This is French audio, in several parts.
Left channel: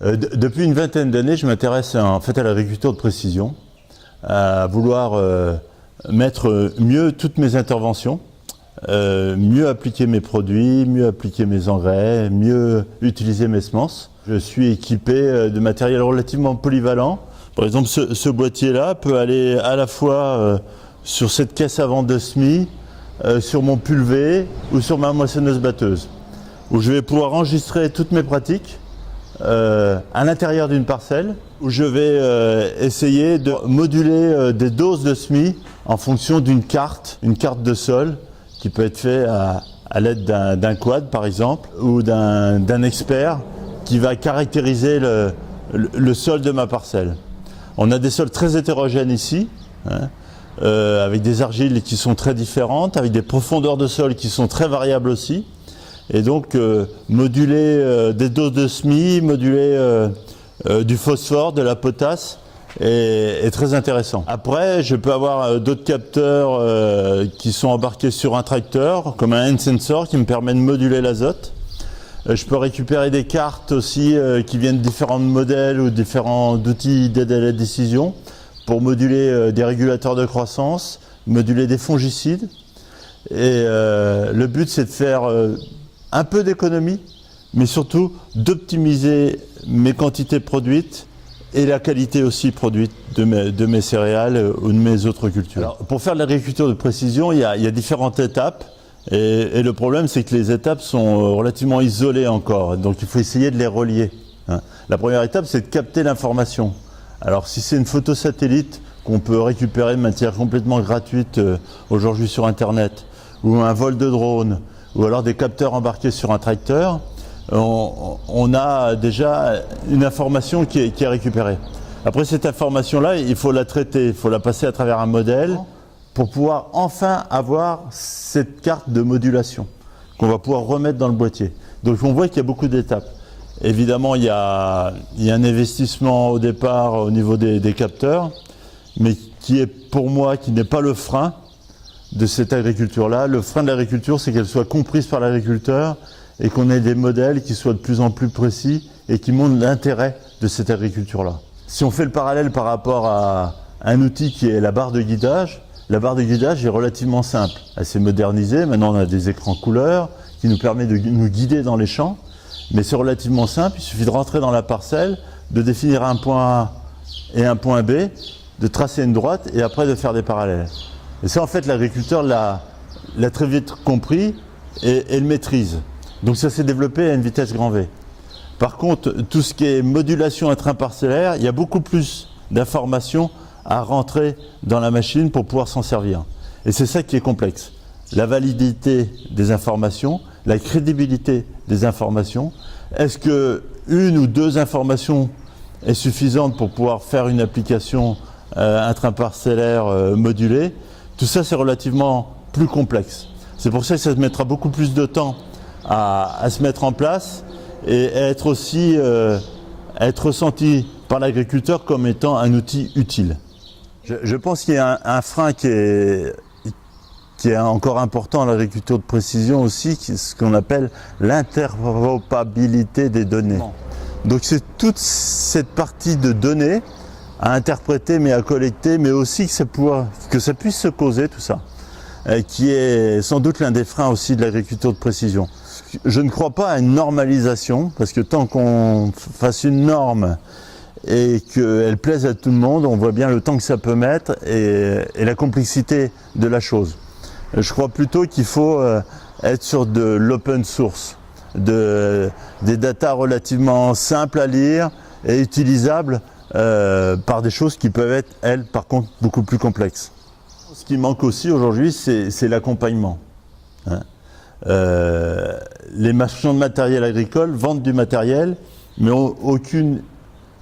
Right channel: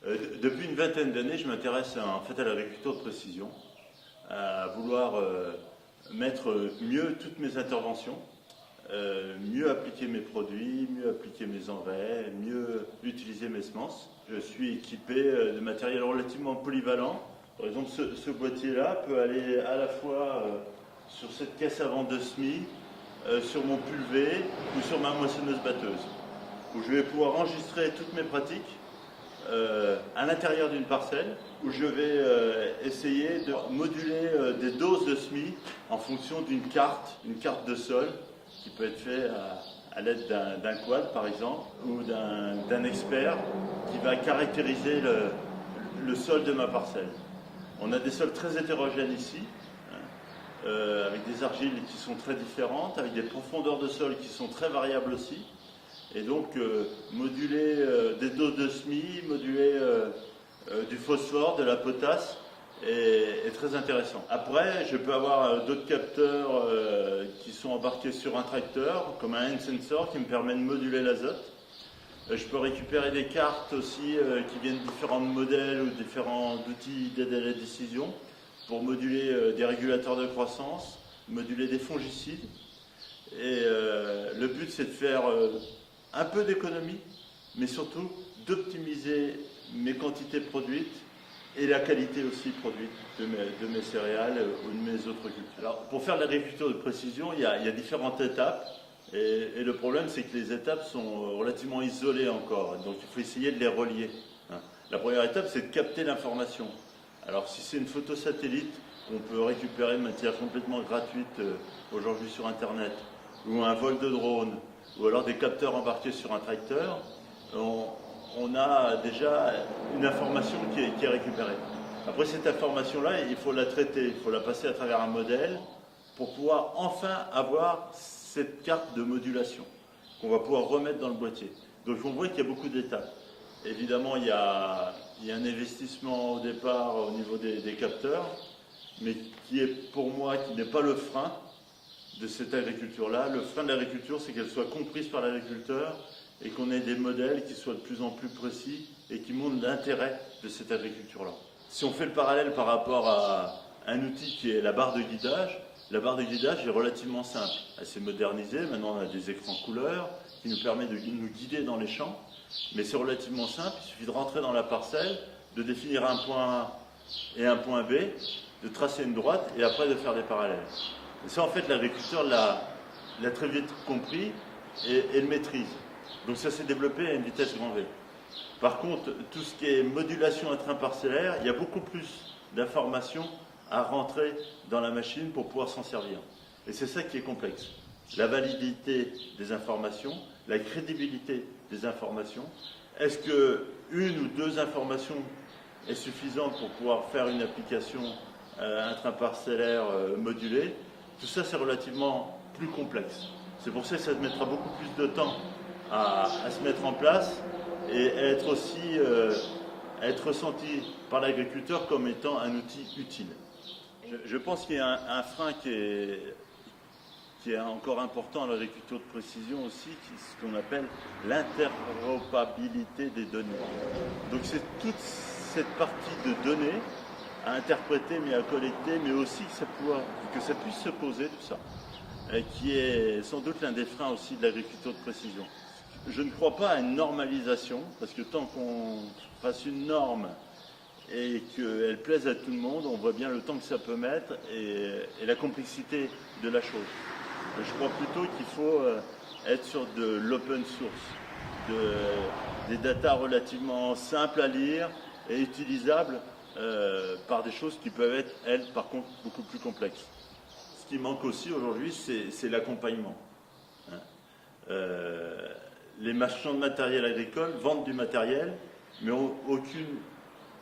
Depuis une vingtaine d'années, je m'intéresse en fait à l'agriculture de précision, à vouloir mettre mieux toutes mes interventions, mieux appliquer mes produits, mieux appliquer mes engrais, mieux utiliser mes semences. Je suis équipé de matériel relativement polyvalent. Par exemple, ce boîtier-là peut aller à la fois sur cette caisse à vente de semis, sur mon pulvé ou sur ma moissonneuse-batteuse, où je vais pouvoir enregistrer toutes mes pratiques à l'intérieur d'une parcelle, où je vais essayer de moduler des doses de semis en fonction d'une carte, une carte de sol qui peut être faite à l'aide d'un quad par exemple, ou d'un expert qui va caractériser le sol de ma parcelle. On a des sols très hétérogènes ici, hein, avec des argiles qui sont très différentes, avec des profondeurs de sol qui sont très variables aussi. Et donc moduler des doses de semis, moduler du phosphore, de la potasse est très intéressant. Après, je peux avoir d'autres capteurs qui sont embarqués sur un tracteur, comme un hand sensor qui me permet de moduler l'azote. Je peux récupérer des cartes aussi qui viennent de différents modèles ou différents outils d'aide à la décision pour moduler des régulateurs de croissance, moduler des fongicides. Et le but, c'est de faire un peu d'économie, mais surtout d'optimiser mes quantités produites et la qualité aussi produite de mes céréales ou de mes autres cultures. Alors, pour faire de l'agriculture de précision, il y a différentes étapes. Et le problème, c'est que les étapes sont relativement isolées encore, donc il faut essayer de les relier. La première étape, c'est de capter l'information. Alors si c'est une photo satellite qu'on peut récupérer de manière complètement gratuite aujourd'hui sur Internet, ou un vol de drone, ou alors des capteurs embarqués sur un tracteur, on a déjà une information qui est récupérée. Après cette information-là, il faut la traiter, il faut la passer à travers un modèle, pour pouvoir enfin avoir cette carte de modulation qu'on va pouvoir remettre dans le boîtier. Donc on voit qu'il y a beaucoup d'étapes. Évidemment, il y a un investissement au départ au niveau des capteurs, mais qui est pour moi, qui n'est pas le frein de cette agriculture-là. Le frein de l'agriculture, c'est qu'elle soit comprise par l'agriculteur et qu'on ait des modèles qui soient de plus en plus précis et qui montrent l'intérêt de cette agriculture-là. Si on fait le parallèle par rapport à un outil qui est la barre de guidage, la barre de guidage est relativement simple, elle s'est modernisée, maintenant on a des écrans couleurs qui nous permettent de nous guider dans les champs, mais c'est relativement simple, il suffit de rentrer dans la parcelle, de définir un point A et un point B, de tracer une droite et après de faire des parallèles. Et ça en fait l'agriculteur l'a très vite compris et le maîtrise. Donc ça s'est développé à une vitesse grand V. Par contre, tout ce qui est modulation intraparcellaire, il y a beaucoup plus d'informations à rentrer dans la machine pour pouvoir s'en servir. Et c'est ça qui est complexe. La validité des informations, la crédibilité des informations. Est-ce que une ou deux informations est suffisante pour pouvoir faire une application intraparcellaire modulée? Tout ça, c'est relativement plus complexe. C'est pour ça que ça mettra beaucoup plus de temps à se mettre en place et à être aussi être ressenti par l'agriculteur comme étant un outil utile. Je pense qu'il y a un frein qui est encore important à l'agriculture de précision aussi, ce qu'on appelle l'interopérabilité des données. Donc c'est toute cette partie de données à interpréter mais à collecter, mais aussi que ça puisse se causer tout ça, qui est sans doute l'un des freins aussi de l'agriculture de précision. Je ne crois pas à une normalisation, parce que tant qu'on fasse une norme et qu'elle plaise à tout le monde, on voit bien le temps que ça peut mettre et la complexité de la chose. Je crois plutôt qu'il faut être sur de l'open source, des datas relativement simples à lire et utilisables par des choses qui peuvent être, elles, par contre, beaucoup plus complexes. Ce qui manque aussi aujourd'hui, c'est l'accompagnement. Les marchands de matériel agricole vendent du matériel, mais n'ont aucune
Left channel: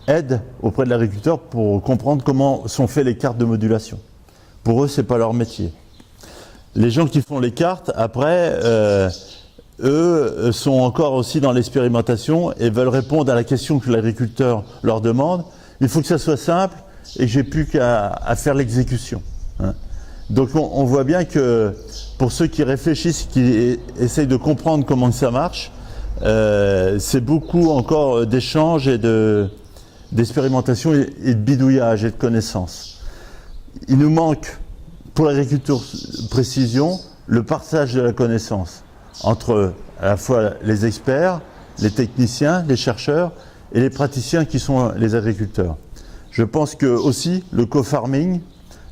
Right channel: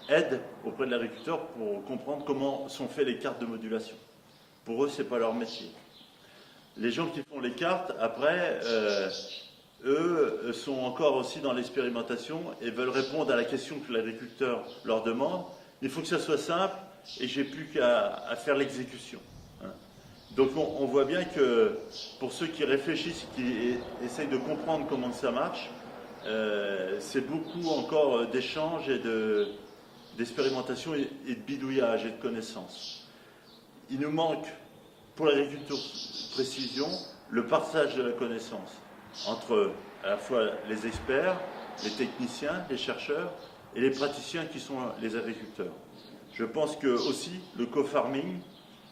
aide auprès de l'agriculteur pour comprendre comment sont faites les cartes de modulation. Pour eux, ce n'est pas leur métier. Les gens qui font les cartes, après, eux sont encore aussi dans l'expérimentation et veulent répondre à la question que l'agriculteur leur demande. Il faut que ça soit simple et que j'ai plus qu'à faire l'exécution. Donc on voit bien que pour ceux qui réfléchissent, qui essayent de comprendre comment ça marche, c'est beaucoup encore d'échanges et d'expérimentation et de bidouillage et de connaissances. Il nous manque, pour l'agriculture précision, le partage de la connaissance entre à la fois les experts, les techniciens, les chercheurs et les praticiens qui sont les agriculteurs. Je pense que aussi le co-farming,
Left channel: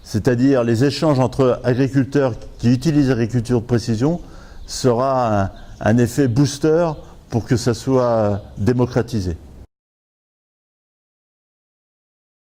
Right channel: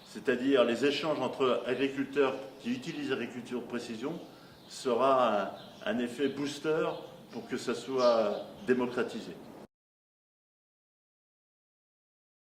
c'est-à-dire les échanges entre agriculteurs qui utilisent l'agriculture de précision, sera un effet booster pour que ça soit démocratisé.